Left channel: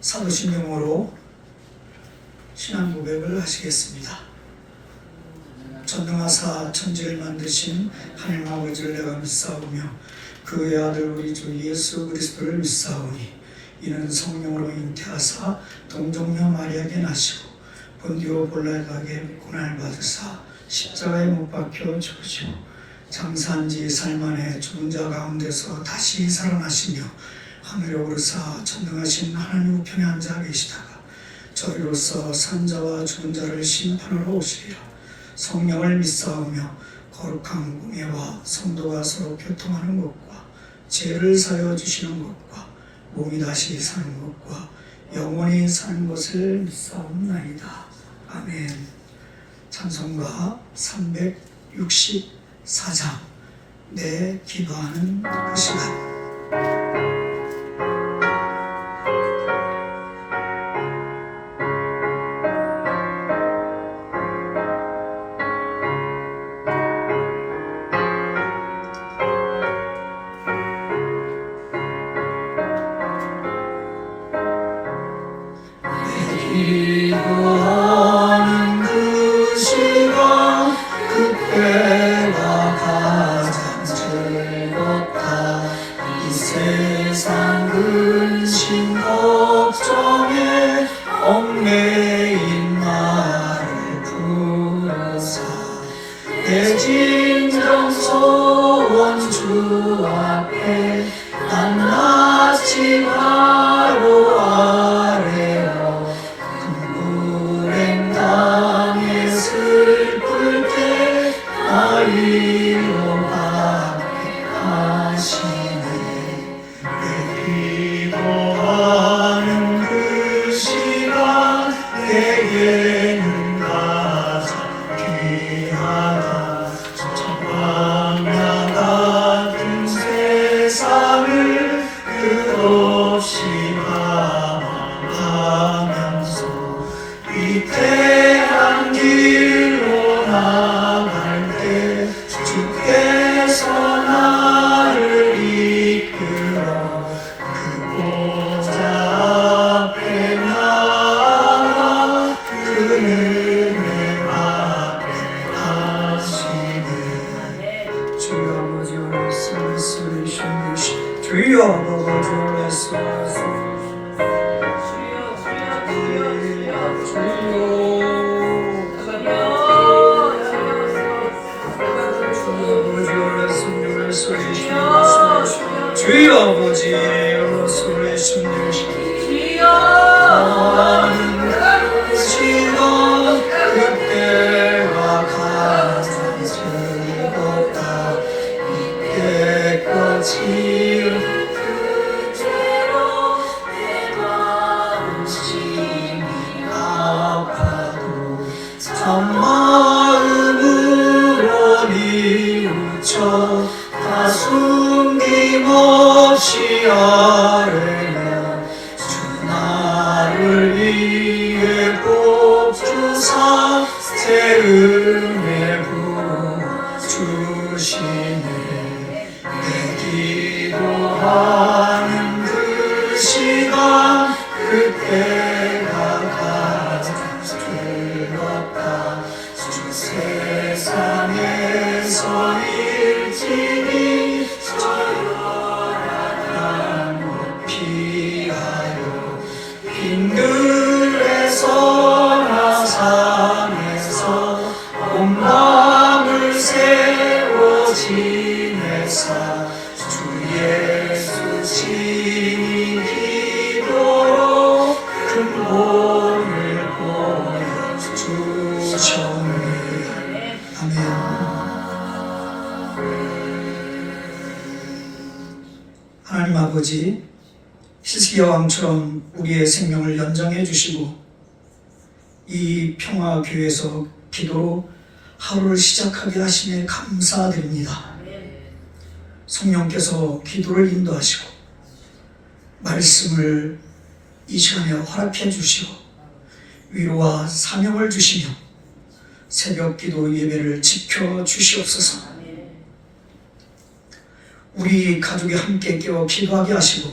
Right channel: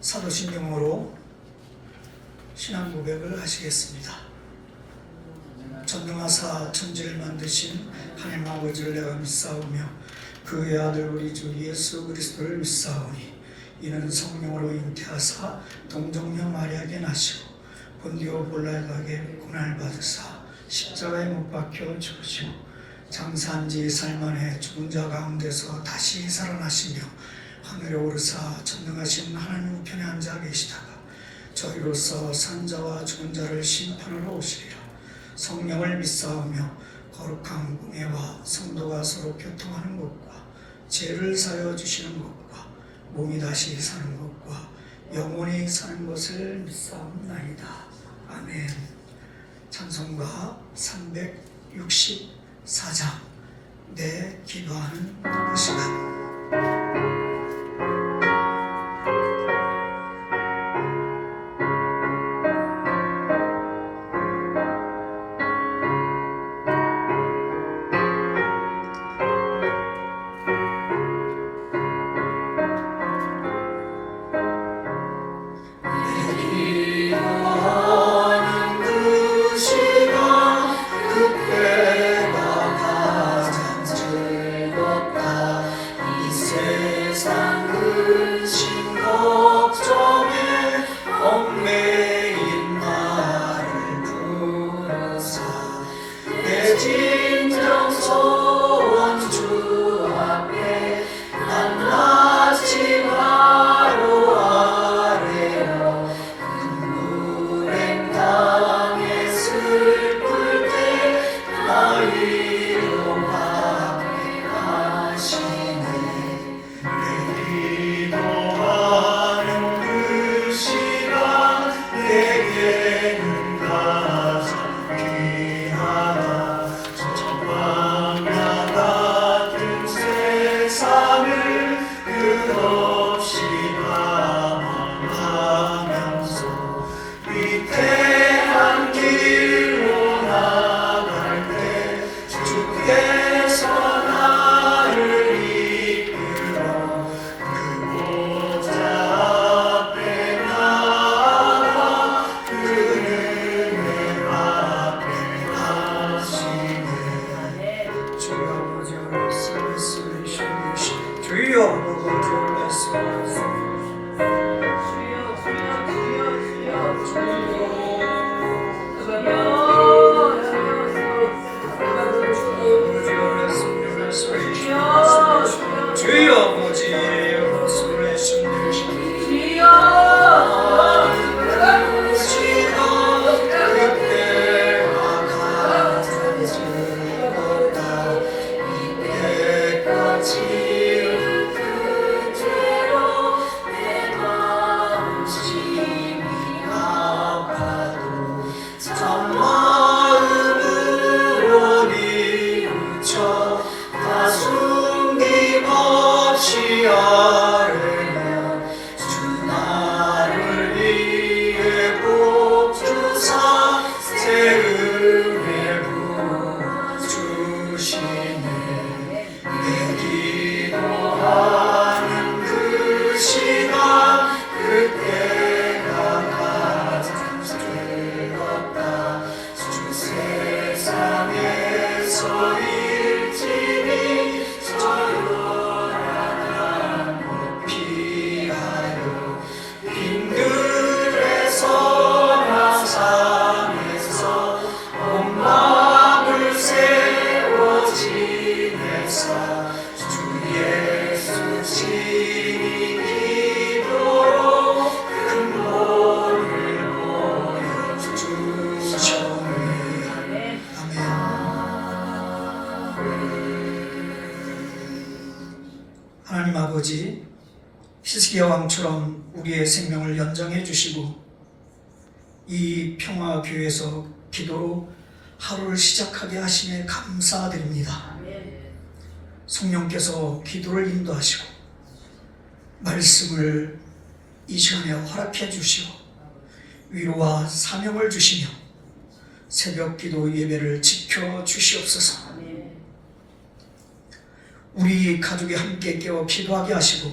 사도신경으로 신앙 고백을 하시겠습니다. 전능하사 천지를 만드신 하나님 아버지를 내가 믿사오며 그의 아들 우리 주 예수 그리스도를 믿사오니 이는 성령으로 잉태하사 동정녀 마리아에게 나시고 본디오 빌라에게 고난을 받으사 십자가에 못 박혀 죽으시고 장사한 지 살만에 죽은 자 가운데서 다시 살아나시며 하늘에 오르사 전능하신 하나님 우편에 앉아 계시다가 저희로서 산 자와 죽은 자를 심판하러 오시리라. 성령을 믿사오며 거룩한 공예와 성도가 서로 교통하는 것과 죄를 사여 주시는 것과 몸이 다시 사는 것과 영원히 사는 것을 믿사옵나이다. 아멘. 찬송가 364장 내 기도하는 그 시간. 하나님 아버지, 히스기야 왕처럼 우리의 생명을 연장해 주시고 이 평화교회에서 기도로 하루를 시작하게 하심에 감사드립니다. 성령께서 기도를 인도하시고 말씀을 이 시간에 허락해 주시고 위로와 사명을 주시며 새벽 기도 예배를 지켜 주시옵소서. 우리 가족이 함께 깨어 기도하게 하시고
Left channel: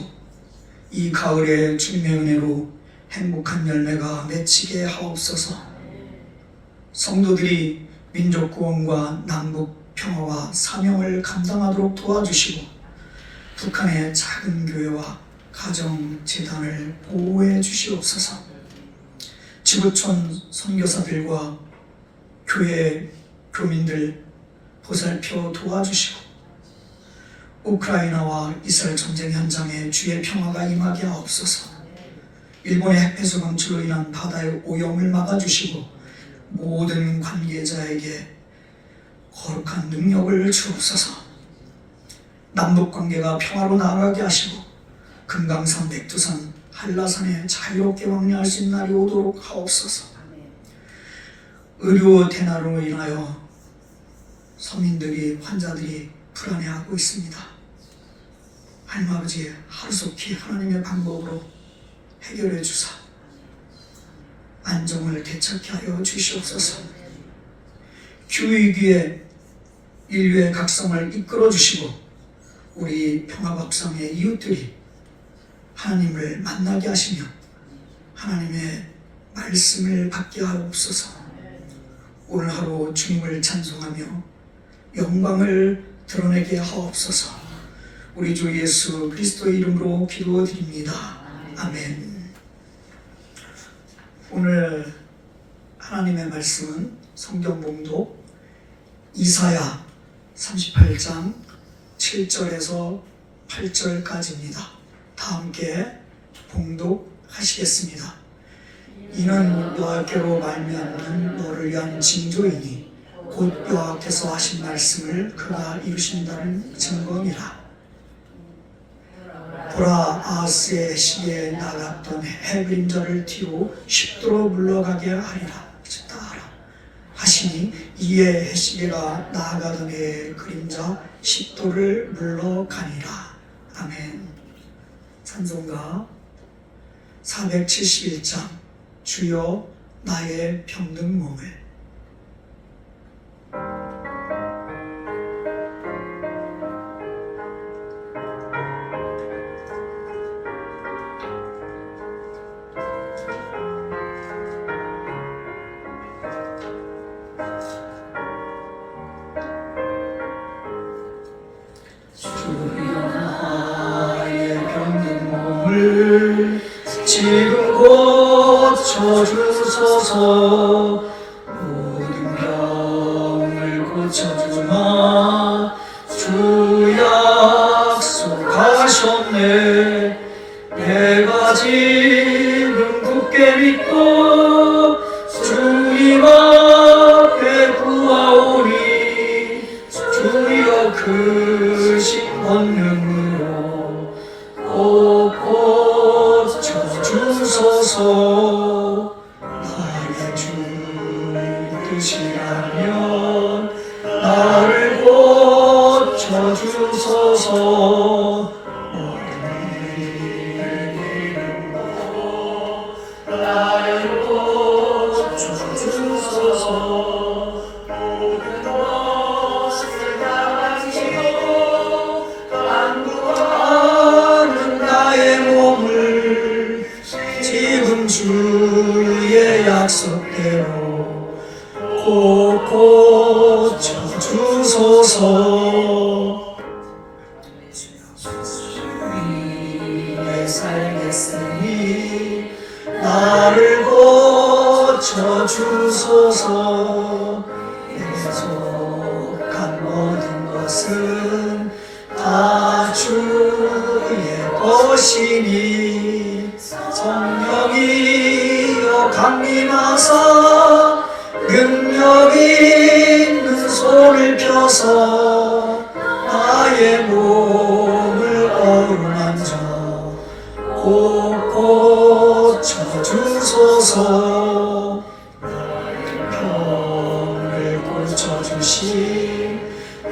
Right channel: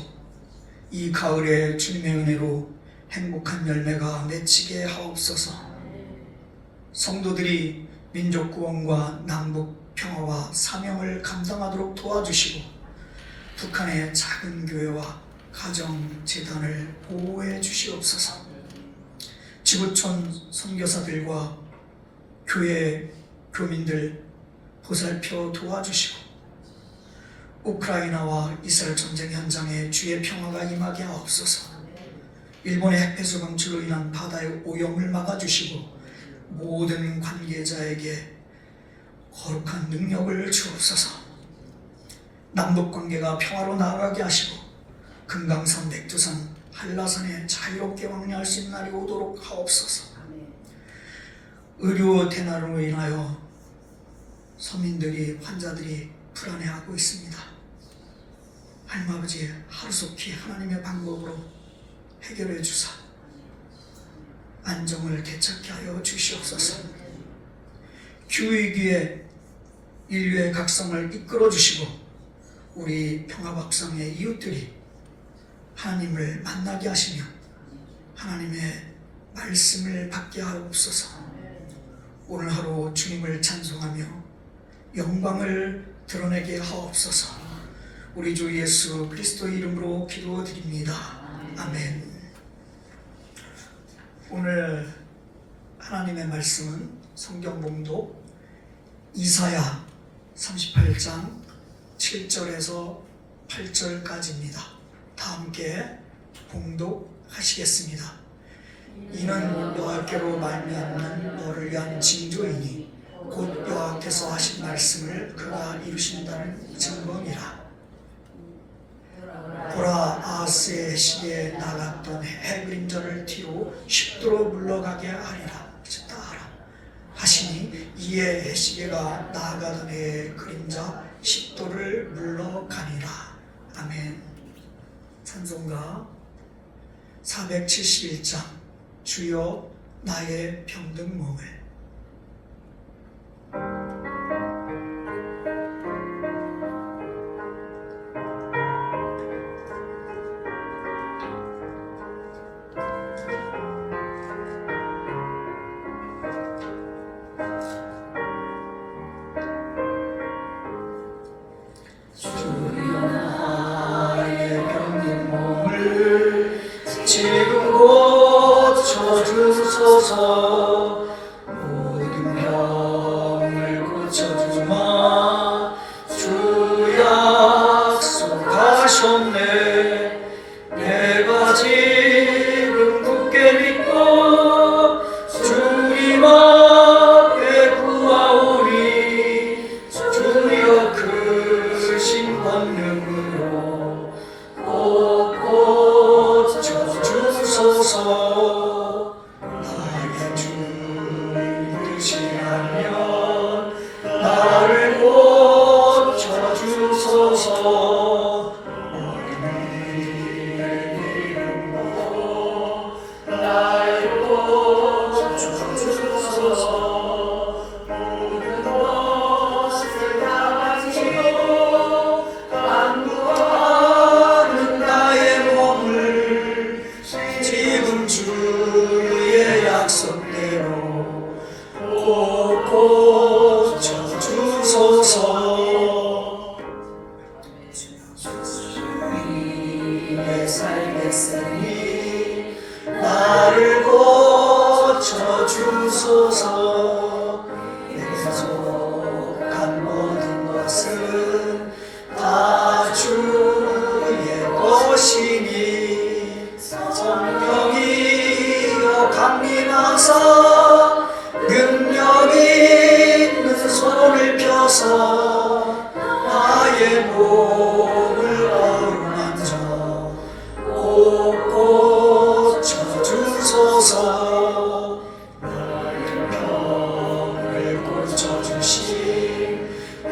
이 가을에 주님의 은혜로 행복한 열매가 맺히게 하옵소서. 성도들이 민족 구원과 남북 평화와 사명을 감당하도록 도와주시고 북한의 작은 교회와 가정재단을 보호해 주시옵소서. 지구촌 선교사들과 교회 교민들 보살펴 도와주시고 우크라이나와 이스라엘 전쟁 현장에 주의 평화가 임하게 하옵소서. 일본의 핵폐수 방출로 인한 바다의 오염을 막아주시고 모든 관계자에게 거룩한 능력을 주옵소서. 남북관계가 평화로 나아가게 하시고 금강산, 백두산, 한라산에 자유롭게 왕래할 수 있는 날이 오도록 하옵소서. 의료 대난으로 인하여 서민들이, 환자들이 불안해하고 있습니다. 하나님 아버지, 하루속히 하나님의 방법으로 해결해 주사 안정을 되찾게 하여 주시옵소서. 기후위기에 인류의 각성을 이끌어 주시고 우리 평화박성의 이웃들이 하나님을 만나게 하시며 하나님의 말씀을 받게 하옵소서. 오늘 하루 주님을 찬송하며 영광을 드러내게 하옵소서. 우리 주 예수 그리스도의 이름으로 기도드립니다. 아멘. 오늘 하나님의 말씀은 성경 봉독 이사야 38장 7절에서 8절까지입니다. 다 함께 봉독하시겠습니다. 이는 여호와께로 말미암는 너를 위한 징조이니 곧 여호와께서 하신 말씀을 그가 이루신다는 증거니라. 보라, 아하스의 시기에 나갔던 해 그림자를 뒤로 쉽도록 물러가게 하리라 하시니 이에 해시계가 나아가던 해의 그림자 십도를 물러가니라. 아멘. 찬송가 471장 주여 나의 병든 몸을. 지금 고쳐주소서. 모든 병을 고쳐주마 주 약속하셨네. 내가 지금 굳게 믿고 주님 앞에 구하오니 주여 크신 권능으로 고쳐주소서. 나의 주의 뜻이라면 나를 고쳐주소서. 나를 고쳐주소서. 모든 것을 다 가지고 간구하는 나의 몸을 지금 주의 약속대로 꼭 고쳐주소서. 주님의 살겠으니 나를 고쳐주소서. 내게 속한 모든 것은 다 주의 것이니 성령이여 강림하사 능력 있는 손을 펴서 나의 몸을 어루만져 꼭 고쳐주소서. 나의 병을 고쳐주신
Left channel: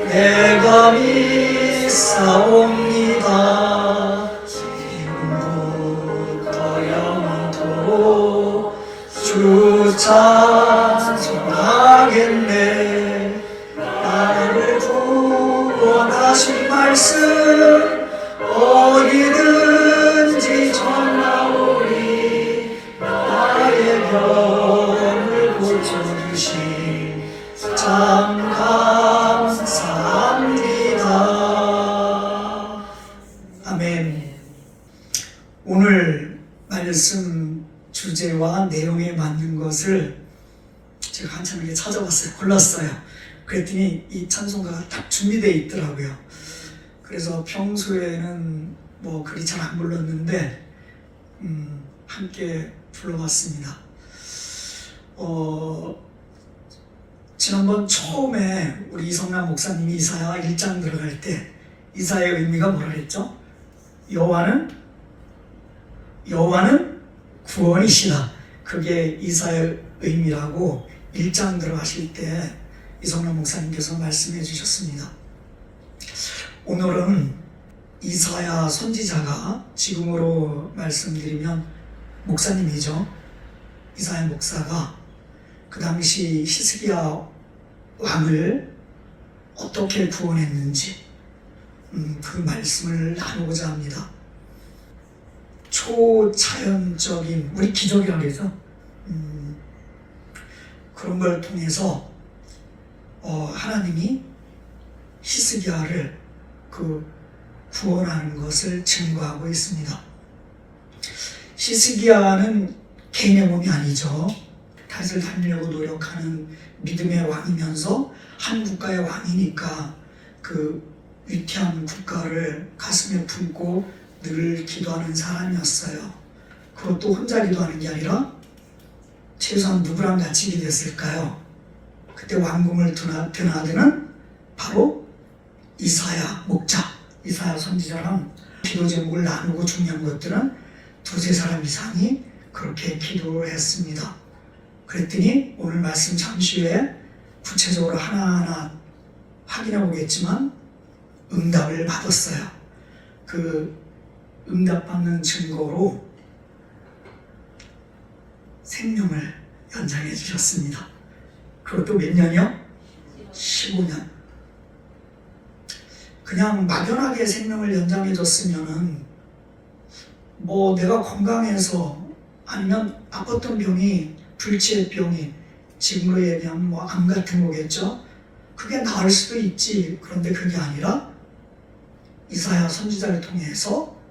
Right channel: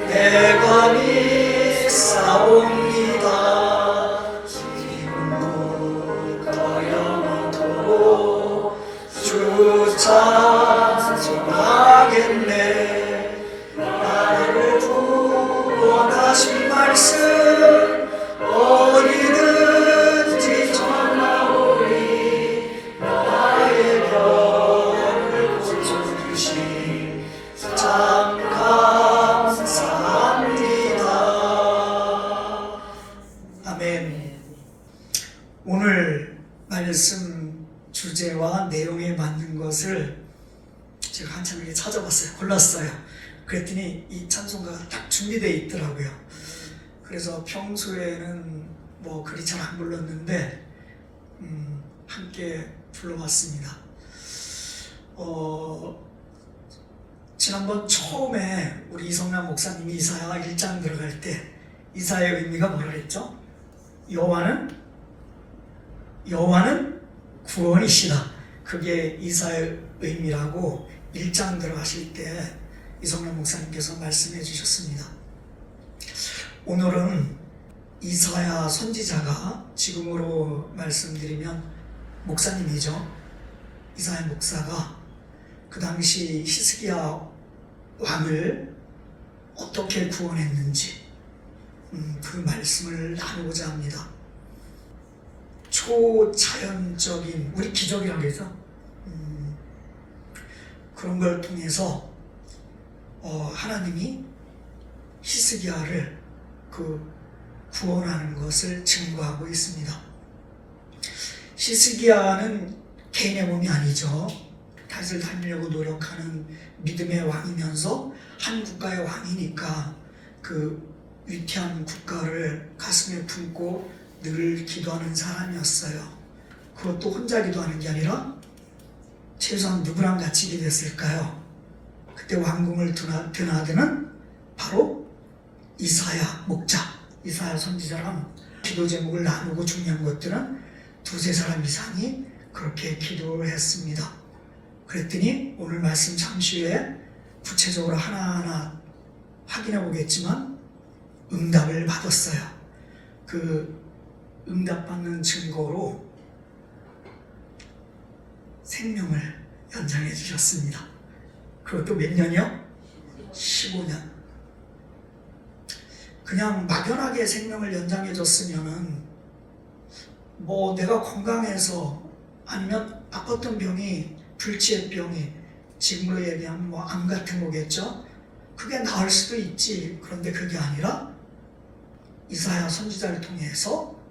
내가 믿사옵니다. 지금부터 영원토록 주 찬송하겠네. 나를 구원하신 말씀 어디든지 오늘 말씀 주제와 내용에 맞는 것을 제가 한참 이렇게 찾아봤어요. 골랐어요. 그랬더니 이 찬송가가 딱 준비되어 있더라고요. 그래서 평소에는 뭐 그리 잘 안 불렀는데 함께 불러봤습니다. 지난번 처음에 우리 이성남 목사님이 이사야 1장 들어갈 때 이사야의 의미가 뭐라 그랬죠? 여호와는 구원이시다. 그게 이사야의 의미라고 1장 들어가실 때 이성남 목사님께서 말씀해 주셨습니다. 오늘은 이사야 선지자가, 지금으로 말씀드리면 목사님이죠. 이사야 목사가 그 당시 히스기야 왕을 어떻게 구원했는지 그 말씀을 나누고자 합니다. 초자연적인, 우리 기적이라고 그러죠. 그런 걸 통해서 하나님이 히스기야를 구원하는 것을 증거하고 있습니다. 히스기야는 개인의 몸이 아니죠. 다윗을 닮으려고 노력하는 믿음의 왕이면서 한 국가의 왕이니까 그 위태한 국가를 가슴에 품고 늘 기도하는 사람이었어요. 그것도 혼자 기도하는 게 아니라 최소한 누구랑 같이 기도했을까요? 그때 왕궁을 든 아들은 바로 이사야 목자, 이사야 선지자랑 기도 제목을 나누고 중요한 것들은 두세 사람 이상이 그렇게 기도를 했습니다. 그랬더니 오늘 말씀 잠시 후에 구체적으로 하나하나 확인해 보겠지만 응답을 받았어요. 그 응답받는 증거로 생명을 연장해 주셨습니다. 그것도 몇 년이요? 15년. 그냥 막연하게 생명을 연장해 줬으면은 뭐 내가 건강해서 아니면 아팠던 병이, 불치의 병이 지금으로 얘기하면 뭐 암 같은 거겠죠. 그게 나을 수도 있지. 그런데 그게 아니라 이사야 선지자를 통해서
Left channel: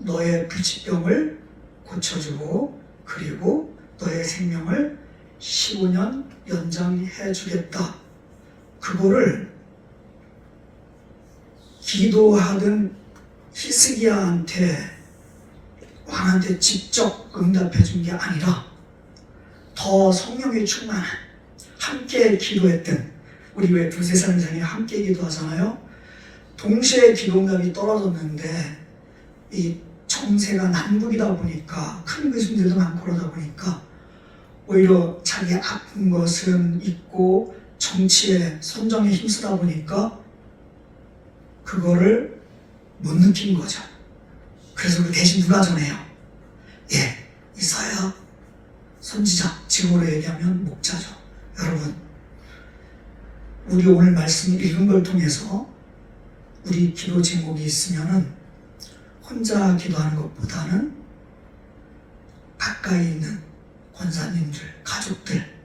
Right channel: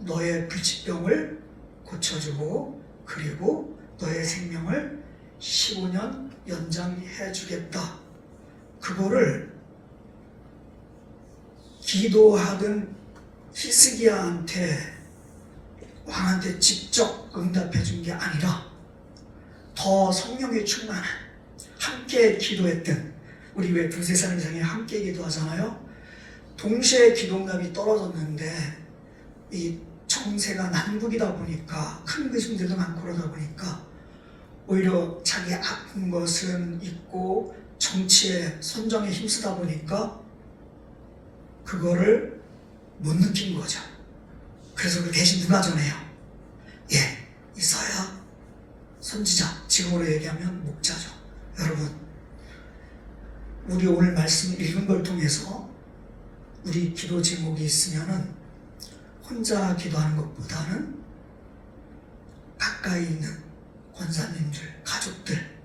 너의 불치병을 고쳐주고 그리고 너의 생명을 15년 연장해 주겠다. 그거를 기도하던 히스기야한테, 왕한테 직접 응답해 준 게 아니라 더 성령이 충만한, 함께 기도했던, 우리 왜 두세 사람 이상이 함께 기도하잖아요. 동시에 기도응답이 떨어졌는데 이 정세가 난국이다 보니까, 큰 의심들도 많고 그러다 보니까 오히려 자기 아픈 것은 있고 정치에 선정에 힘쓰다 보니까 그거를 못 느낀 거죠. 그래서 그 대신 누가 전해요? 이사야 선지자, 지금으로 얘기하면 목자죠. 여러분, 우리 오늘 말씀 읽은 걸 통해서 우리 기도 제목이 있으면은 혼자 기도하는 것보다는 가까이 있는 권사님들, 가족들,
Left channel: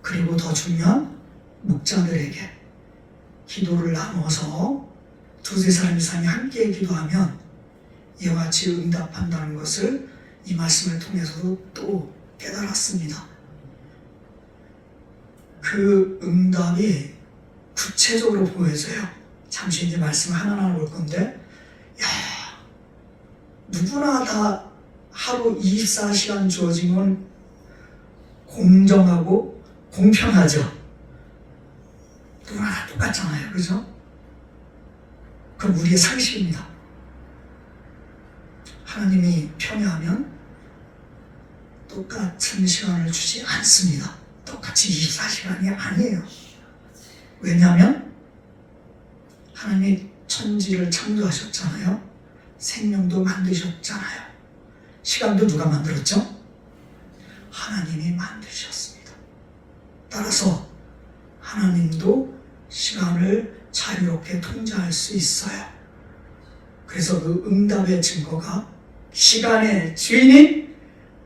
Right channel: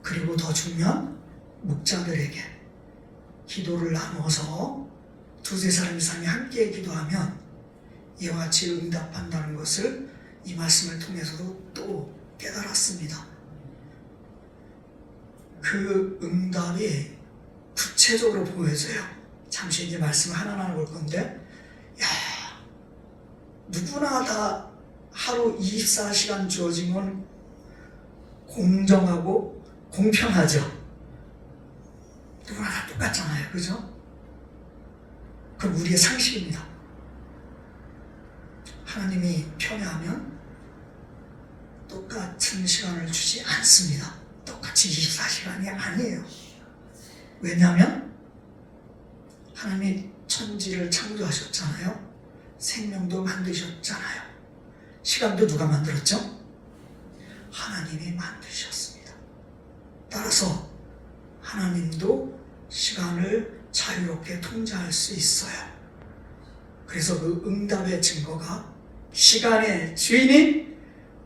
그리고 더 중요한 목자들에게 기도를 나누어서 두세 사람 이상이 함께 기도하면 이와 같이 응답한다는 것을 이 말씀을 통해서도 또 깨달았습니다. 그 응답이 구체적으로 보여져요. 잠시 이제 말씀을 하나하나 볼 건데, 누구나 다 하루 24시간 주어진 건 공정하고 공평하죠. 누구나 다 똑같잖아요. 그죠? 그럼 우리의 상식입니다. 하나님이 편애하면 똑같은 시간을 주지 않습니다. 똑같이 24시간이 아니에요. 왜냐하면 하나님이 천지를 창조하셨잖아요. 생명도 만드셨잖아요. 시간도 누가 만들었죠? 하나님이 만드셨습니다. 따라서 하나님도 시간을 자유롭게 통제할 수 있어요. 그래서 그 응답의 증거가 시간의 주인인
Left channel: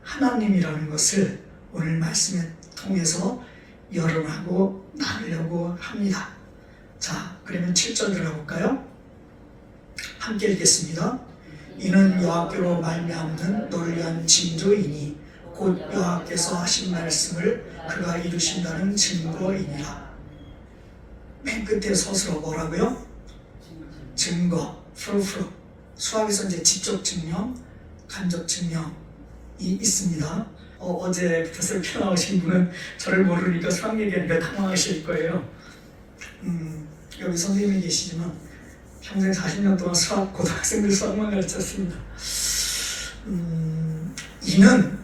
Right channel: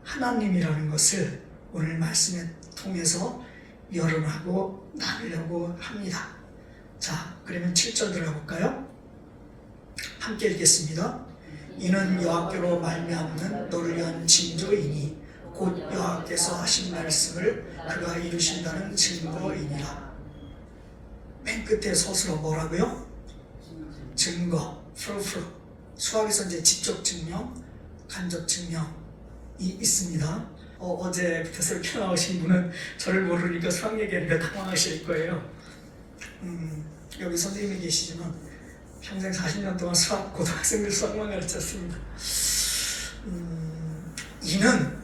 하나님이라는 것을 오늘 말씀에 통해서 여러분하고 나누려고 합니다. 자, 그러면 7절 들어가 볼까요? 함께 읽겠습니다. 이는 여호와께로 말미암는 너를 위한 징조이니 곧 여호와께서 하신 말씀을 그가 이루신다는 증거이니라. 맨 끝에 서술어 뭐라고요? 증거, 프루프. 수학에서 이제 직접 증명, 간접 증명이 있습니다. 어제부터 새롭게 나오신 분은 저를 모르니까 수학 얘기하니까 당황하실 거예요. 여기 선생님이 계시지만 평생 40년 동안 고등학생들 수학만 가르쳤습니다. 이는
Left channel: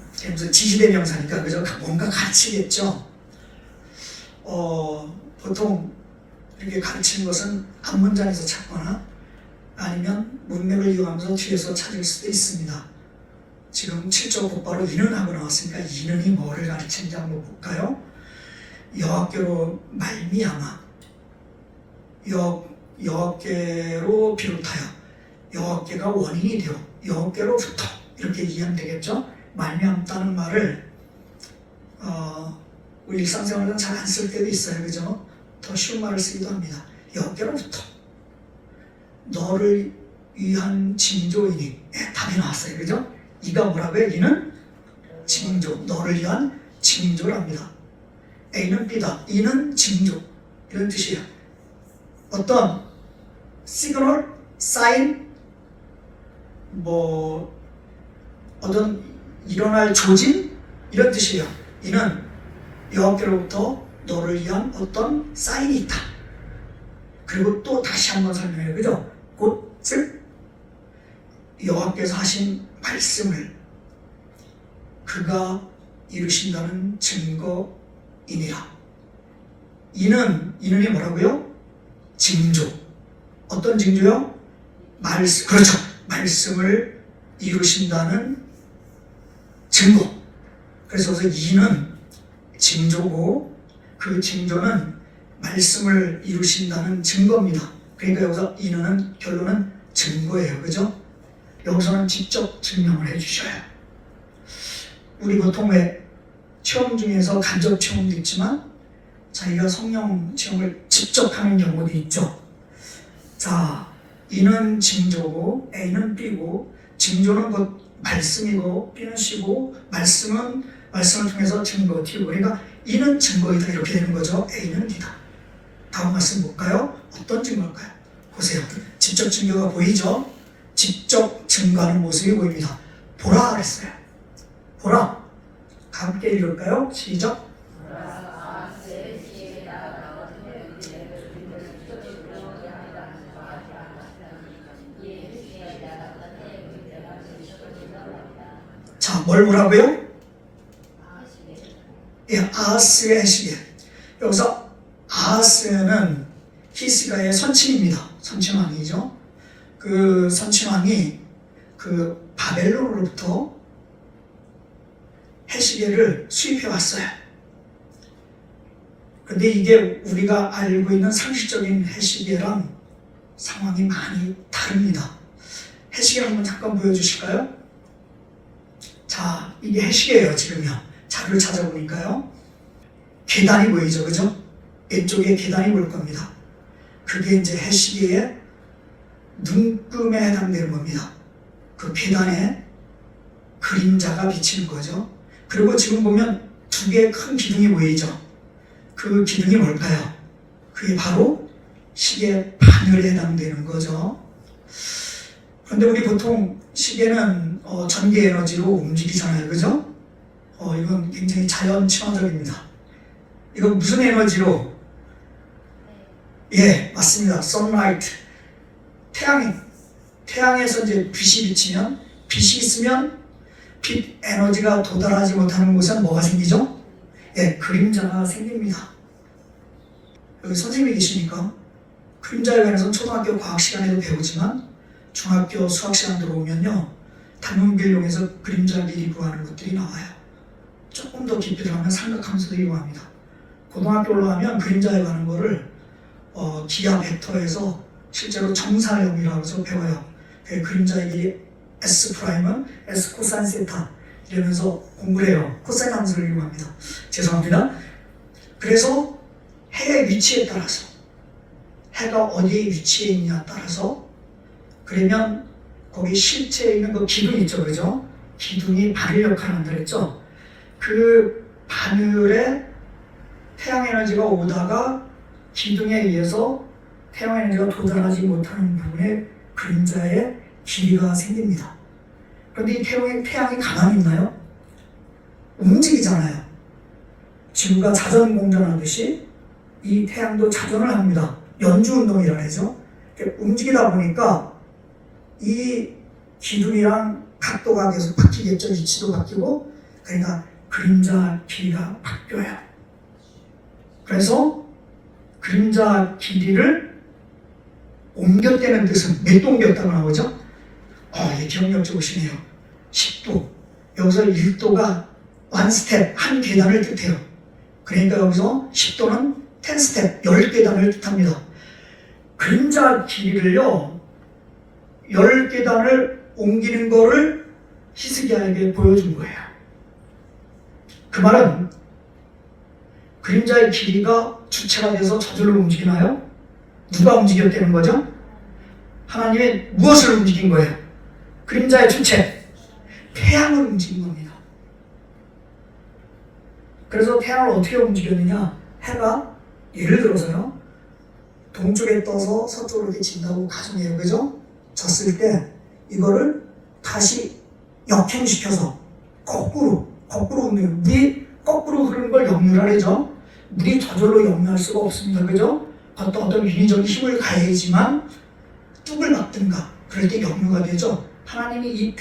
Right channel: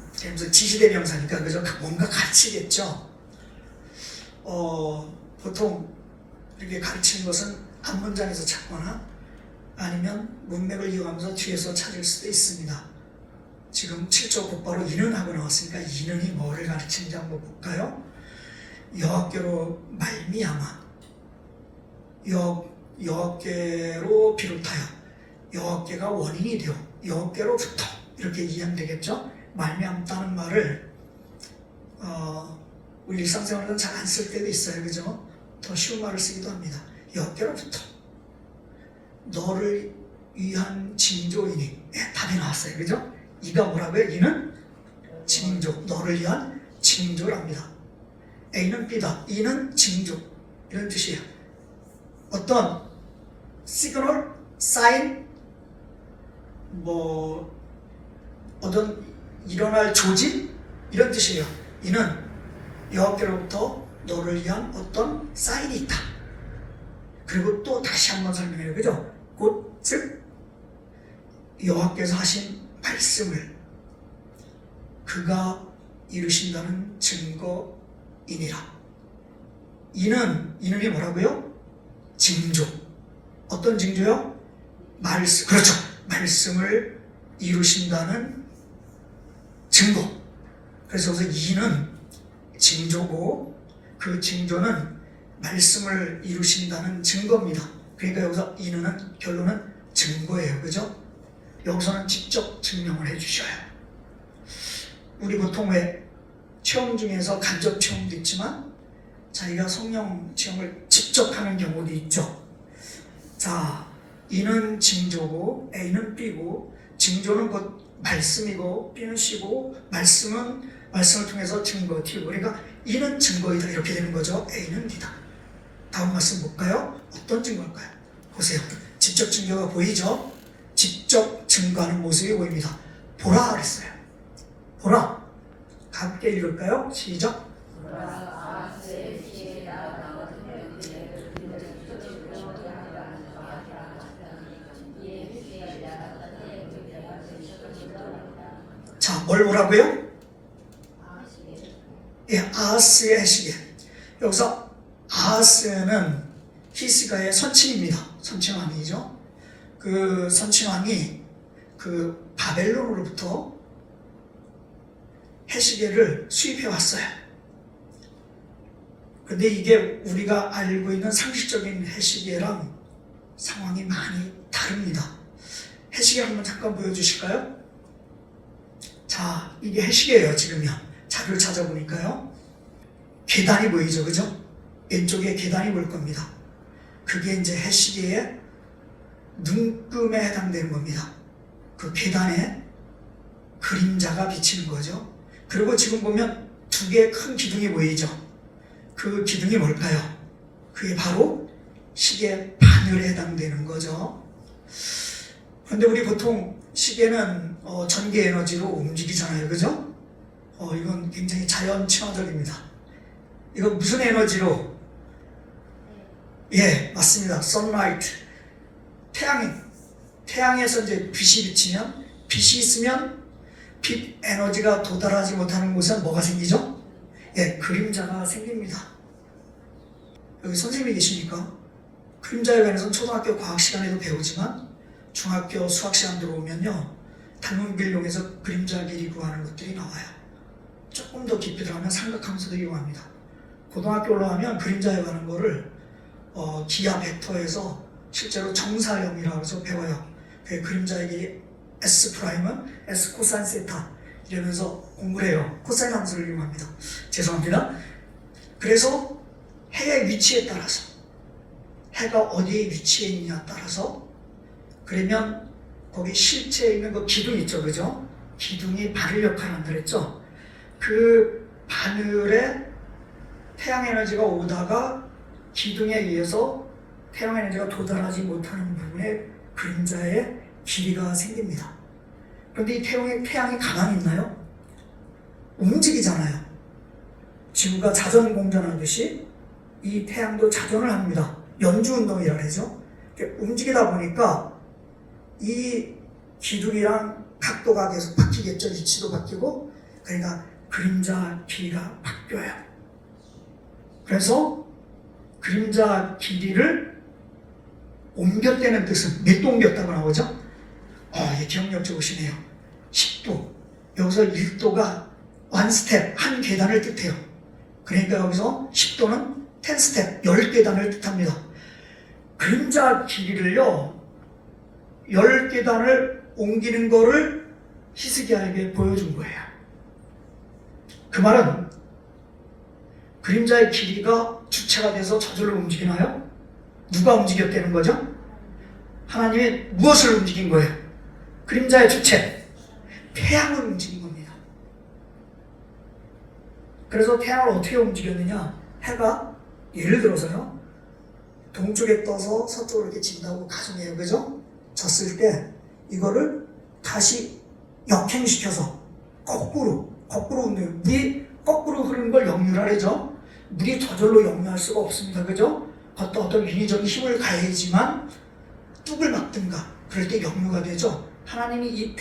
지시대명사니까 그죠? 뭔가 가르치겠죠. 보통 이렇게 가르치는 것은 앞문장에서 찾거나 아니면 문맥을 이용하면서 뒤에서 찾을 수도 있습니다. 지금 7조 곧바로 이는 하고 나왔으니까 이는이 뭐를 가르치는지 한번 볼까요? 여호와께로 말미암아, 여호와께로 비롯하여, 여호와께가 원인이 되어 여호와께로부터 이렇게 이해하면 되겠죠? 말미암다는 말을 우리 일상생활에서 잘 안 쓸 때도 있어요, 그죠? 더 쉬운 말을 쓰기도 합니다. 여호와께로부터 너를 위한 징조이니. 답이 나왔어요, 그죠? 이가 뭐라고요? 이는 징조, 너를 위한 징조랍니다. A는 B다, 이는 징조, 이런 뜻이에요. 어떤 시그널, 사인, 어떤 일어날 조짐, 이런 뜻이에요. 이는 여호와께로부터 너를 위한 어떤 사인이 있다. 그리고 또 다시 한번 설명해요, 그죠? 곧 즉 여호와께서 하신 말씀을 그가 이루신다는 증거이니라. 이는이 뭐라고요? 징조. 어떤 징조요? 말씀. 그렇죠. 말씀을 이루신다는 증거. 그래서 이는 징조고 그 징조는 말씀을 이루신다는 증거입니다. 그러니까 여기서 이는 결론은 증거예요, 그죠? 여기서는 직접 증명을 해주셔요. 우리 보통 왜 체험 중에서 간접 체험도 있지만 자기가 성령 체험을 직접 하는 경우도 있죠. 자, 이는 징조고 A는 B고, 징조는 곧 말씀이고 B는 C고, 말씀을 통해서 증거 T고, 그러니까 이는 증거이다 이렇게 되는 거죠. A는 D다. 다음 말씀 볼까요? 어떤 증거일까요? 보세요. 직접 증거가 보이죠? 직접 증거하는 모습이 보입니다. 보라 그랬어요. 보라. 함께 읽을까요? 시작. 자, 뭘 보라고요? 예, 아하스의 해시계. 여기서 아하스는 히스가의 선친입니다. 선친왕이죠. 그 선친왕이 그 바벨론으로부터 해시계를 수입해 왔어요. 근데 이게 우리가 알고 있는 상식적인 해시계랑 상황이 많이 다릅니다. 해시계 한번 잠깐 보여주실까요? 자, 이게 해시계예요, 지금요. 자료를 찾아보니까요. 계단이 보이죠, 그죠? 이쪽에 계단이 보일 겁니다. 그게 이제 해시계의 눈금에 해당되는 겁니다. 그 계단에 그림자가 비치는 거죠. 그리고 지금 보면 두 개의 큰 기둥이 보이죠. 그 기둥이 뭘까요? 그게 바로 시계 바늘에 해당되는 거죠. 그런데 우리 보통 시계는 전기 에너지로 움직이잖아요, 그죠? 이건 굉장히 자연 친화적입니다. 이건 무슨 에너지로? 예, 맞습니다. 선라이트. 태양에서 이제 빛이 비치면, 빛이 있으면 빛 에너지가 도달하지 못하는 곳에 뭐가 생기죠? 예, 그림자가 생깁니다. 여기 선생님이 계시니까 그림자에 관해서 초등학교 과학 시간에도 배우지만 중학교 수학 시간 들어오면요, 단문비를 이용해서 그림자 미리 구하는 것들이 나와요. 조금 더 깊이 들어가면 삼각함수도 이용합니다. 고등학교 올라가면 그림자에 관한 거를 기하 벡터에서 실제로 정사형이라고 해서 배워요. 그 그림자의 길이 S'은 S 코사인 세타 이러면서 공부를 해요. 코사인 함수를 이용합니다. 죄송합니다. 그래서 해의 위치에 따라서, 해가 어디에 위치해 있냐에 따라서, 그러면 거기 실체에 있는 그 기둥 있죠, 그죠? 기둥이 바늘 역할을 한다 그랬죠? 그 바늘에 태양 에너지가 오다가 기둥에 의해서 태양 에너지가 도달하지 못하는 부분에 그림자의 길이가 생깁니다. 그런데 이 태양이 가만히 있나요? 움직이잖아요. 지구가 자전 공전하듯이 이 태양도 자전을 합니다. 연주운동이라 하죠. 움직이다 보니까 이 기둥이랑 각도가 계속 바뀌겠죠. 위치도 바뀌고, 그러니까 그림자 길이가 바뀌어요. 그래서 그림자 길이를 옮겼다는 뜻은 몇 도 옮겼다고 나오죠? 이게 기억력 좋으시네요. 10도. 여기서 1도가 one step, 한 계단을 뜻해요. 그러니까 여기서 10도는 10 step, 10계단을 뜻합니다. 그림자 길이를요, 10계단을 옮기는 거를 히스기야에게 보여준 거예요. 그 말은 그림자의 길이가 주체가 돼서 저절로 움직이나요? 누가 움직였다는 거죠? 하나님이 무엇을 움직인 거예요? 그림자의 주체, 태양을 움직인 겁니다. 그래서 태양을 어떻게 움직였느냐? 해가 예를 들어서요, 동쪽에 떠서 서쪽으로 이렇게 진다고 가정해요, 그죠? 졌을 때 이거를 다시 역행시켜서 거꾸로 움직여요. 물이 거꾸로 흐르는 걸 역류라 그러죠. 물이 저절로 역류할 수가 없습니다, 그죠? 어떤 인위적인 힘을 가해야지만 뚝을 막든가 그럴 때 역류가 되죠. 하나님이 이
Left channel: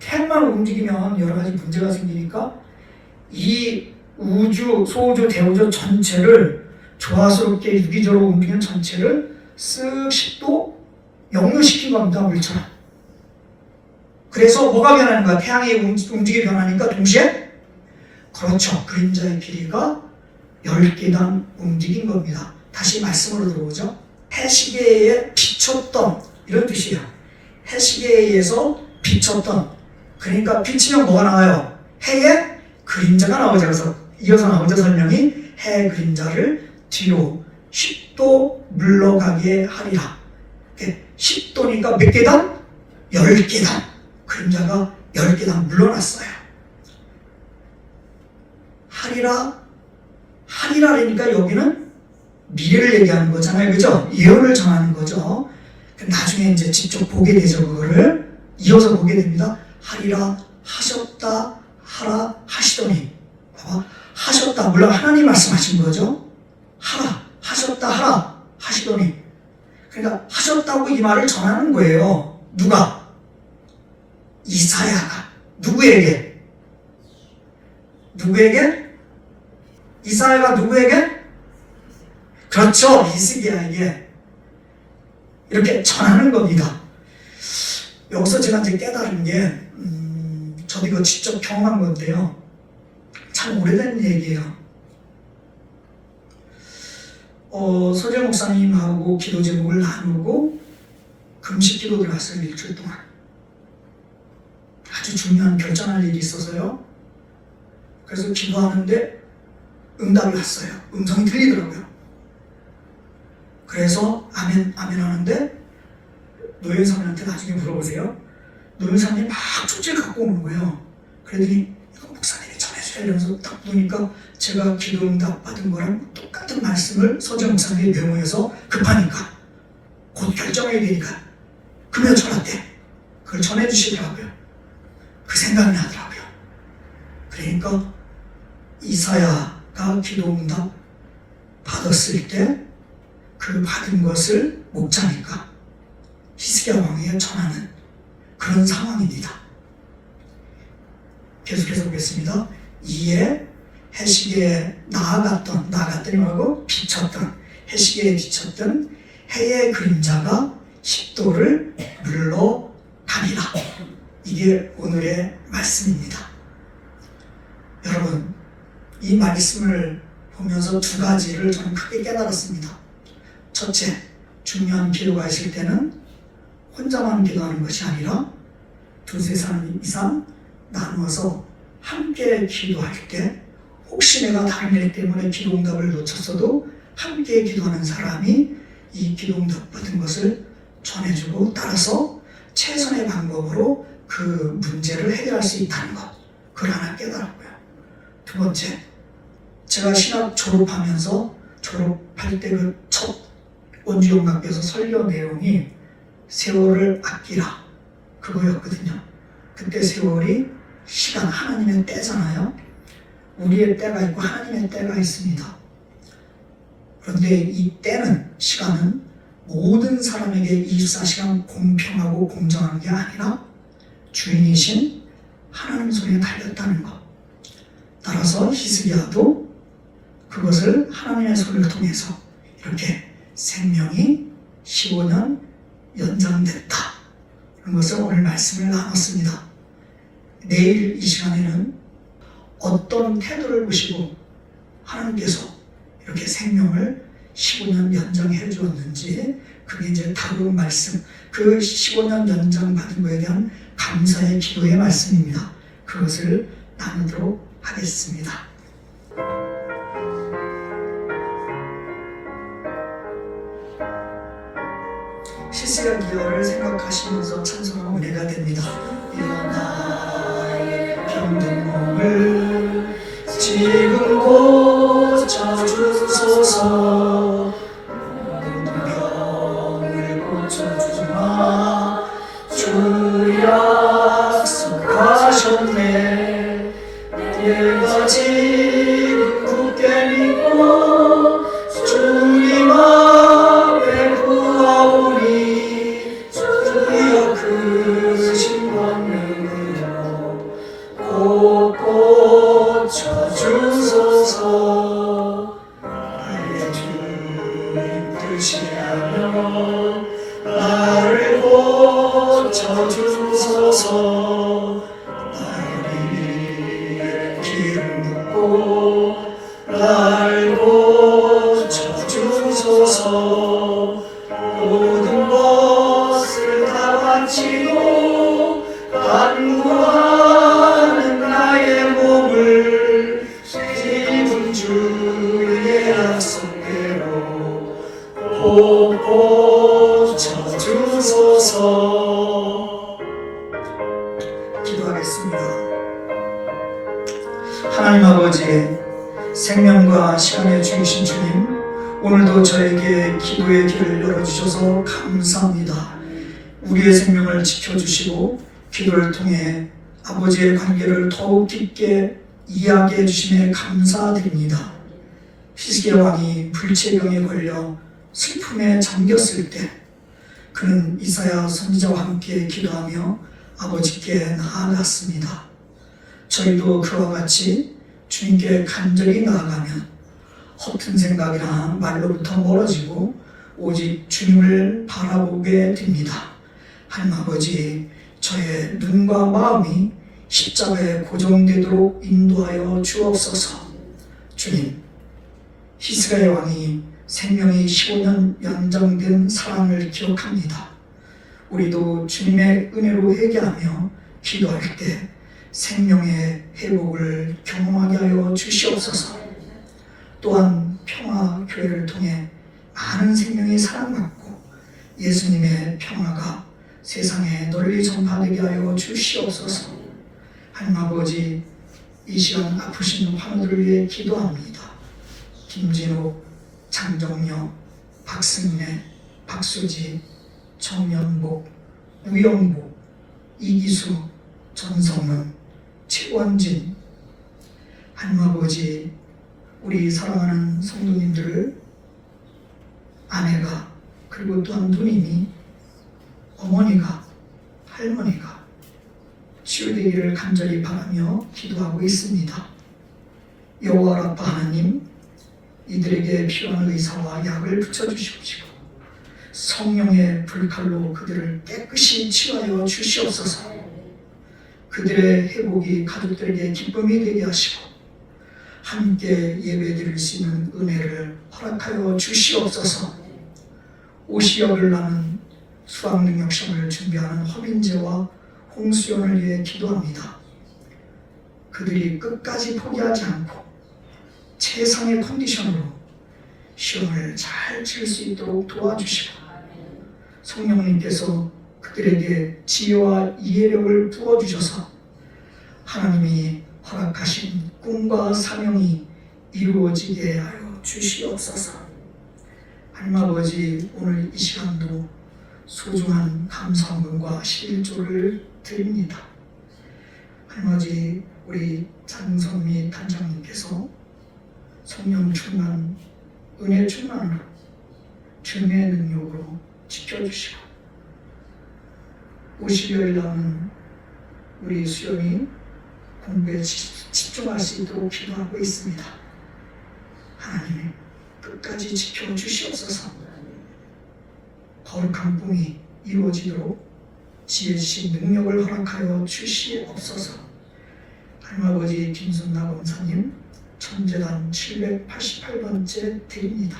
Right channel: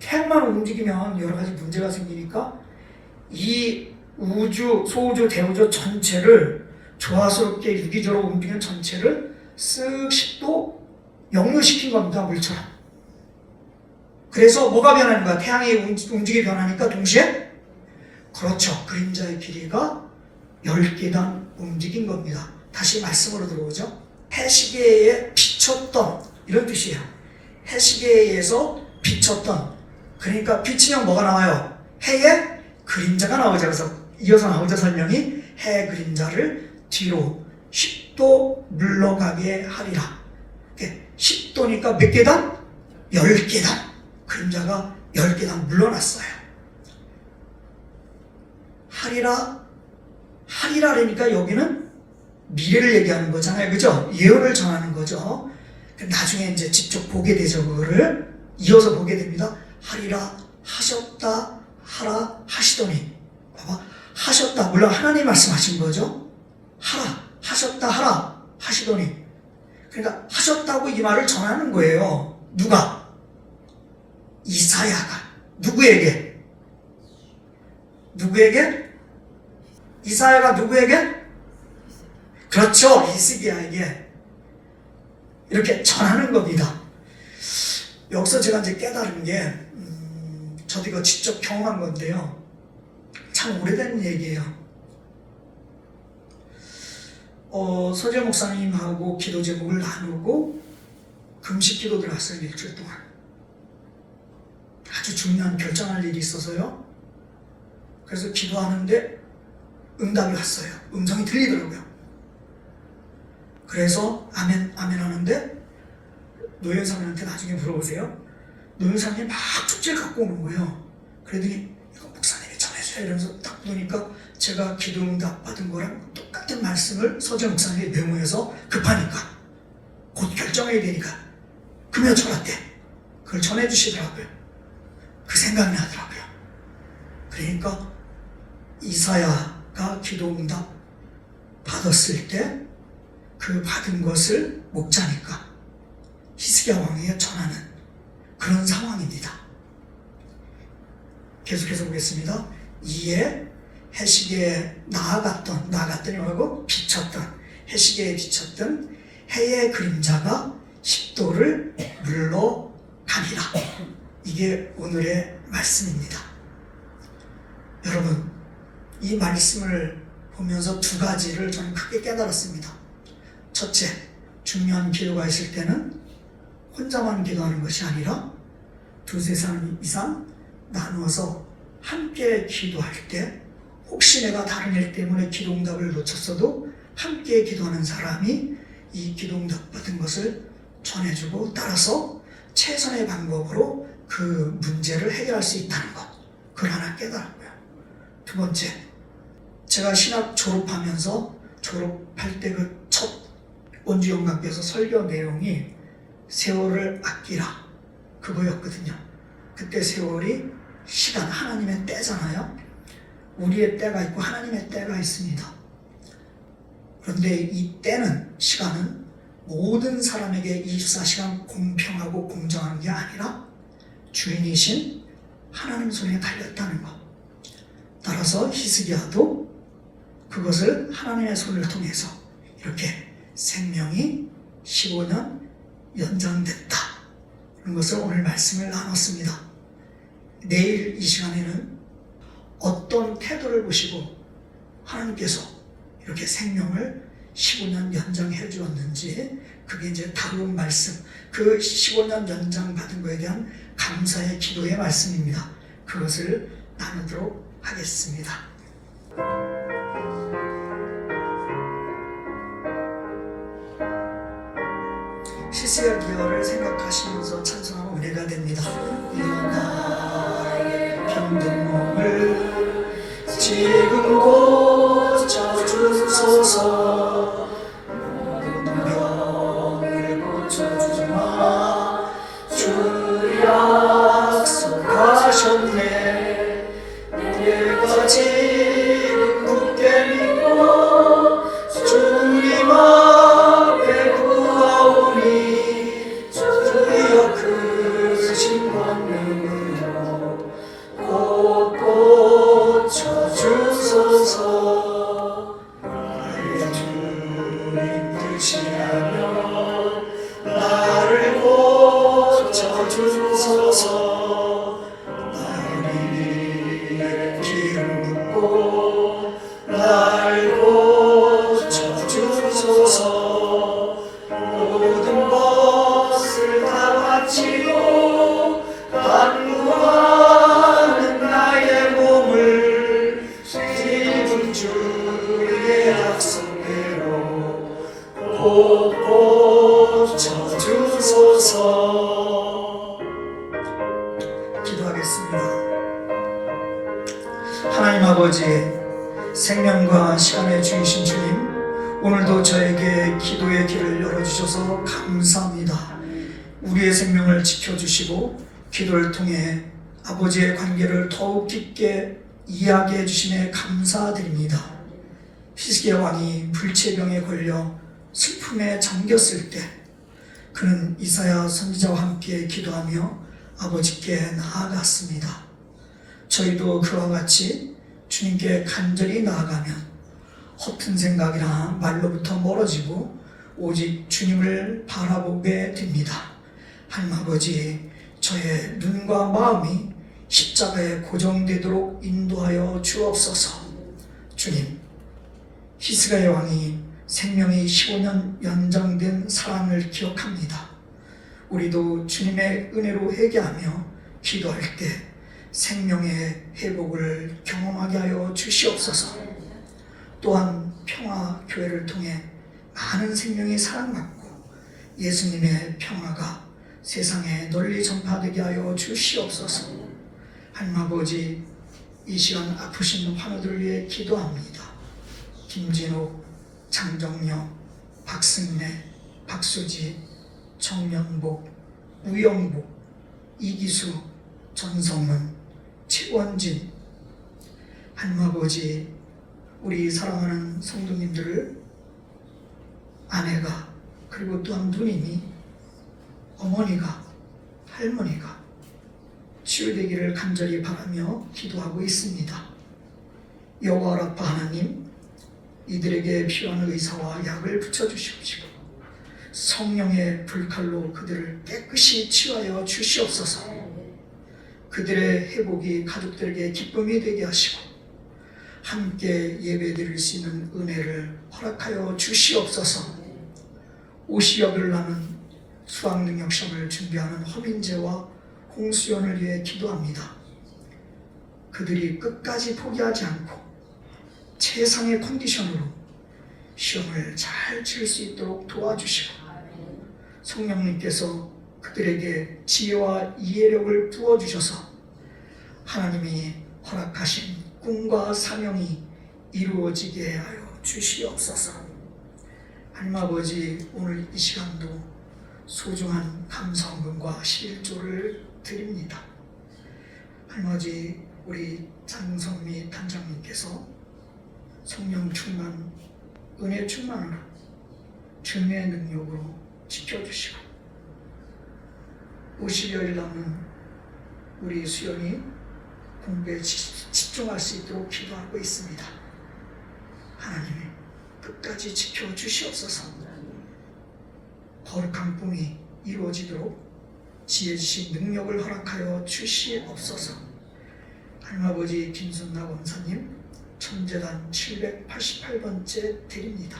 태양만 움직이면 여러 가지 문제가 생기니까 이 우주, 소우주, 대우주 전체를 조화스럽게 유기적으로 움직이는 전체를 쓱 10도 역류시킨 겁니다, 물처럼. 그래서 뭐가 변하는 거야? 태양이 움직이 변하니까 동시에? 그렇죠. 그림자의 길이가 10계단 움직인 겁니다. 다시 말씀으로 들어오죠. 해시계에 비쳤던, 이런 뜻이에요. 해시계에 의해서 비쳤던, 그러니까 비치면 뭐가 나와요? 해의 그림자가 나오죠. 그래서 이어서 나오죠, 설명이. 해의 그림자를 뒤로 10도 물러가게 하리라. 10도니까 몇 계단? 10계단. 그림자가 10계단 물러났어요. 하리라니까 여기는 미래를 얘기하는 거잖아요, 그죠? 예언을 전하는 거죠. 나중에 이제 직접 보게 되죠, 그거를. 이어서 보게 됩니다. 하리라, 하셨다, 하라, 하시더니. 봐봐. 하셨다, 물론 하나님 말씀하신 거죠. 하라, 하셨다, 하라, 하시더니. 그러니까 하셨다고 이 말을 전하는 거예요. 누가? 이사야가. 누구에게? 이사야가 누구에게? 그렇죠. 히스기야에게 이렇게 전하는 겁니다. 여기서 제가 이제 깨달은 게, 저도 이거 직접 경험한 건데요. 참 오래된 얘기예요. 서재 목사님하고 기도 제목을 나누고 금식 기도 들어갔어요, 일주일 동안. 아주 중요한 결정할 일이 있어서요. 그래서 기도하는데 응답이 왔어요. 음성이 들리더라고요. 그래서 아멘 하는데 노현상님한테 나중에 물어보세요. 노현상님이 막 쪽지를 갖고 오는 거예요. 그러더니 이거 목사님이 전해주라 이러면서 딱 보니까 제가 기도 응답 받은 거랑 똑같은 말씀을 서재 목사님이 메모해서 급하니까 곧 결정해야 되니까 금요 전화 때 그걸 전해주시더라고요. 그 생각이 나더라고요. 그러니까 이사야가 기도 응답 받았을 때 그 받은 것을 목자니까 히스기야 왕에게 전하는 그런 상황입니다. 계속해서 보겠습니다. 이에 해시계에 나아갔더니 뭐라고? 비쳤던, 해시계에 비쳤던 해의 그림자가 10도를 물러가니라. 이게 오늘의 말씀입니다. 여러분, 이 말씀을 보면서 두 가지를 저는 크게 깨달았습니다. 첫째, 중요한 기도가 있을 때는 혼자만 기도하는 것이 아니라 두세 사람 이상 나누어서 함께 기도할 때, 혹시 내가 다른 일 때문에 기도 응답을 놓쳤어도 함께 기도하는 사람이 이 기도 응답 받은 것을 전해주고 따라서 최선의 방법으로 그 문제를 해결할 수 있다는 것, 그걸 하나 깨달았고요. 두 번째, 제가 신학 졸업하면서 졸업할 때 그 첫 원주영락교에서 설교 내용이 세월을 아끼라 그거였거든요. 그때 세월이 시간, 하나님의 때잖아요. 우리의 때가 있고 하나님의 때가 있습니다. 그런데 이 때는, 시간은 모든 사람에게 24시간 공평하고 공정한 게 아니라 주인이신 하나님 손에 달렸다는 것. 따라서 히스기야도 그것을 하나님의 손을 통해서 이렇게 생명이 15년 연장됐다. 그런 것을 오늘 말씀을 나눴습니다. 내일 이 시간에는 어떤 태도를 보시고 하나님께서 이렇게 생명을 15년 연장해 주었는지, 그게 이제 다음 말씀, 그 15년 연장 받은 것에 대한 감사의 기도의 말씀입니다. 그것을 나누도록 하겠습니다. 히스기야 기여를 생각하시면서 찬송하면 은혜가 됩니다. 나의 병든 몸을 지금 고쳐주소서. 모든 병을 고쳐주마. 주 약속하셨네. 내가 지금 굳게 믿고 주님 앞에 구하오니 주여 크신 권능으로 꼭 고쳐주소서. 나의 주님 뜻이라면 나를 고쳐주소서. 나를 기름 붓고 날 고쳐주소서. 모든 것을 다 바치고 간구하는 나의 몸을 지금 주의 약속대로 꼭 고쳐주소서. 기도하겠습니다. 하나님 아버지, 생명과 시간의 주이신 주님, 오늘도 저에게 기도의 길을 열어주셔서 감사합니다. 우리의 생명을 지켜주시고 기도를 통해 아버지의 관계를 더욱 깊게 이해하게 해주심에 감사드립니다. 히스기야 왕이 불치병에 걸려 슬픔에 잠겼을 때 그는 이사야 선지자와 함께 기도하며 아버지께 나아갔습니다. 저희도 그와 같이 주님께 간절히 나아가면 허튼 생각이나 말로부터 멀어지고 오직 주님을 바라보게 됩니다. 하나님 아버지, 저의 눈과 마음이 십자가에 고정되도록 인도하여 주옵소서. 주님, 히스기야 왕이 생명이 15년 연장된 사랑을 기억합니다. 우리도 주님의 은혜로 회개하며 기도할 때 생명의 회복을 경험하게 하여 주시옵소서. 또한 평화교회를 통해 많은 생명이 사랑받고 예수님의 평화가 세상에 널리 전파되게 하여 주시옵소서. 하나님 아버지, 이 시간 아프신 환우들을 위해 기도합니다. 김진욱, 장정녀, 박승래, 박수지, 정연복, 우영복, 이기수, 전성은, 최원진. 하나님 아버지, 우리 사랑하는 성도님들을 아내가, 그리고 또한 누님이, 어머니가, 할머니가 치유되기를 간절히 바라며 기도하고 있습니다. 여호와 라파 하나님, 이들에게 필요한 의사와 약을 붙여주시옵시고 성령의 불칼로 그들을 깨끗이 치유하여 주시옵소서. 그들의 회복이 가족들에게 기쁨이 되게 하시고 함께 예배드릴 수 있는 은혜를 허락하여 주시옵소서. 오시역을 나는 수학능력 시험을 준비하는 허민재와 홍수연을 위해 기도합니다. 그들이 끝까지 포기하지 않고 최상의 컨디션으로 시험을 잘 칠 수 있도록 도와주시고 성령님께서 그들에게 지혜와 이해력을 부어주셔서 하나님이 허락하신 꿈과 사명이 이루어지게 하여 주시옵소서. 하나님 아버지, 오늘 이 시간도 소중한 감사원금과 11조를 드립니다. 하나님 아버지, 우리 장성미 단장님께서 성령 충만, 은혜 충만으로 주님의 능력으로 지켜주시고 50여일 남은 우리 수연이 공부에 집중할 수 있도록 기도하고 있습니다. 하나님 끝까지 지켜주시옵소서. 거룩한 꿈이 이루어지도록 지혜지신 능력을 허락하여 주시옵소서. 하나님 아버지, 김순나 검사님 천재단 788번째 드립니다.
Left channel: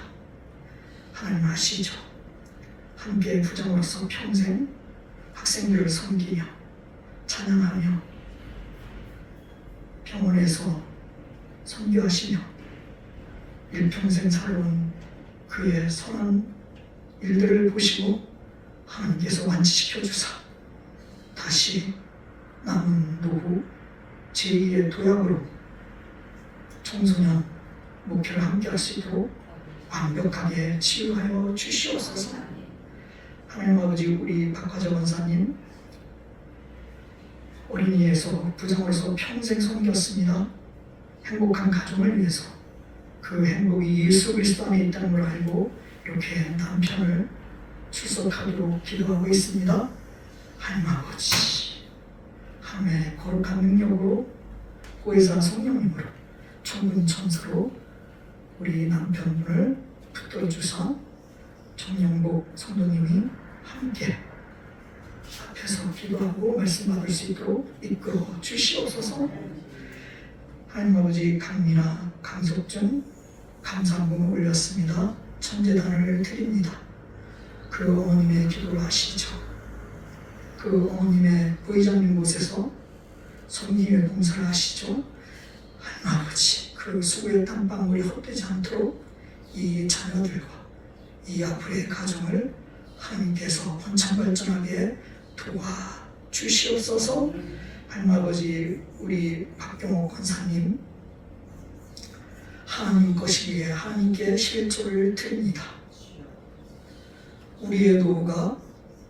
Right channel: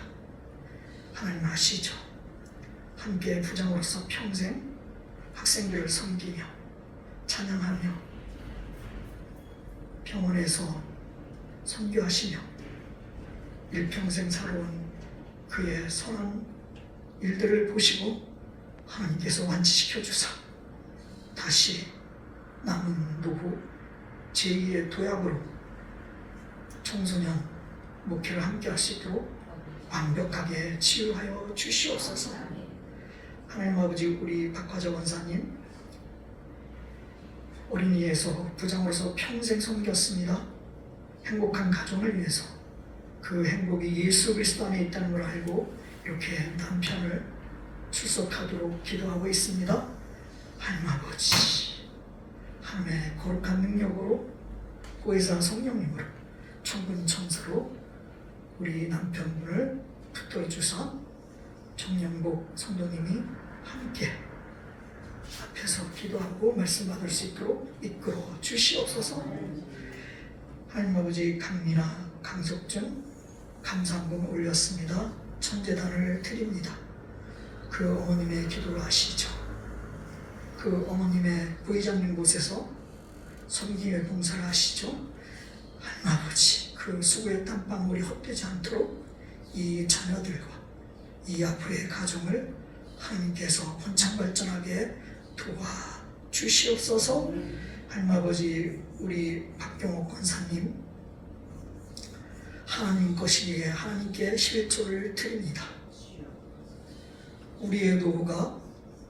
하나님 아시죠? 함께 부장으로서 평생 학생들을 섬기며 찬양하며 병원에서 선교하시며 일평생 살아온 그의 선한 일들을 보시고 하나님께서 완치시켜 주사 다시 남은 노후 제2의 도약으로 청소년 목표를 함께 할 수 있도록 완벽하게 치유하여 주시옵소서. 하나님 아버지, 우리 박화자 원사님 어린이에서 부장으로서 평생 섬겼습니다. 행복한 가정을 위해서 그 행복이 예수 그리스도 안에 있다는 걸 알고 이렇게 남편을 출석하도록 기도하고 있습니다. 하나님 아버지, 하나님의 거룩한 능력으로 보혜사 성령님으로 천군 천사로 우리 남편분을 붙들어 주사 정영복 성도님이 함께 앞에서 기도하고 말씀 받을 수 있도록 이끌어 주시옵소서. 하나님 아버지, 강미나 강석준 감사함을 올렸습니다. 천재단을 드립니다. 그 어머님의 기도를 아시죠? 그 어머님의 부의장님 곳에서 섬김의 봉사를 하시죠? 하나님 아버지, 그 수고의 땀방울이 헛되지 않도록 이 자녀들과 이 앞으로의 가정을 하나님께서 번창발전하게 도와주시옵소서. 하나님 아버지, 우리 박경옥 권사님 하나님 것이기에 하나님께 11조를 드립니다. 우리의 노후가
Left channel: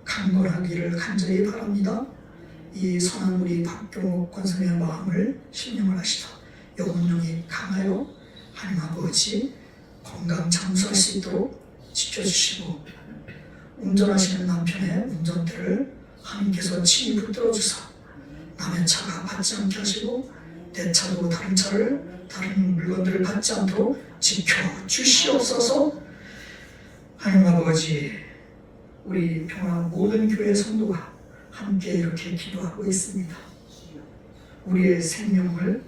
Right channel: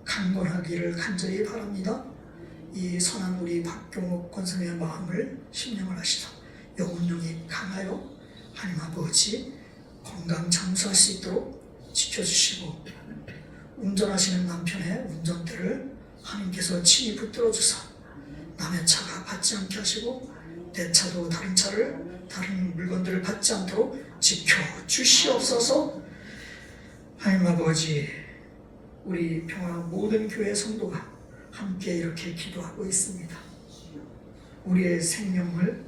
강건하기를 간절히 바랍니다. 이 선한 우리 박경옥 권사님의 마음을 신령을 하시다 영혼령이 강하여 하나님 아버지 건강 장수할 수 있도록 지켜주시고 운전하시는 남편의 운전대를 하나님께서 친히 붙들어 주사 남의 차가 받지 않게 하시고 내 차도 다른 차를 다른 물건들을 받지 않도록 지켜주시옵소서. 하나님 아버지, 우리 평화 모든 교회 성도가 함께 이렇게 기도하고 있습니다. 우리의 생명을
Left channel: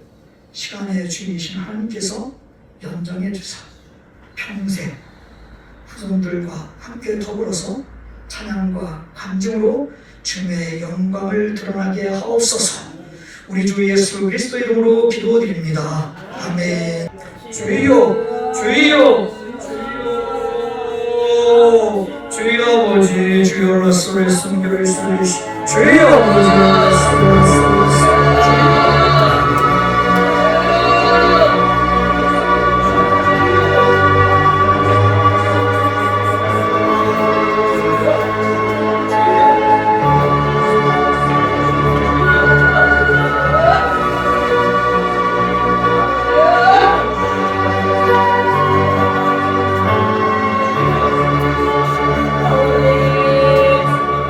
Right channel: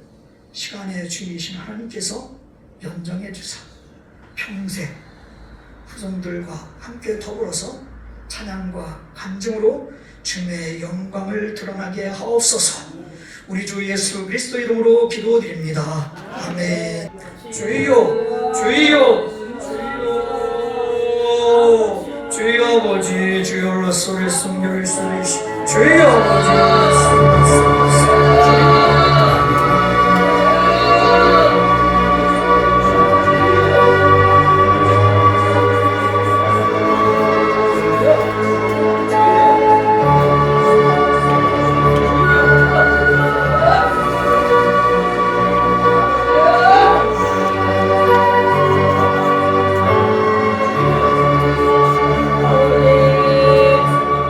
시간의 주인이신 하나님께서 연장해 주사 평생 후손들과 함께 더불어서 찬양과 간증으로 주님의 영광을 드러나게 하옵소서. 우리 주 예수 그리스도 이름으로 기도드립니다. 아멘. 주여, 주여, 주여, 주여 아버지, 주여 로서의 순교를 쓰리시 주여 아버지.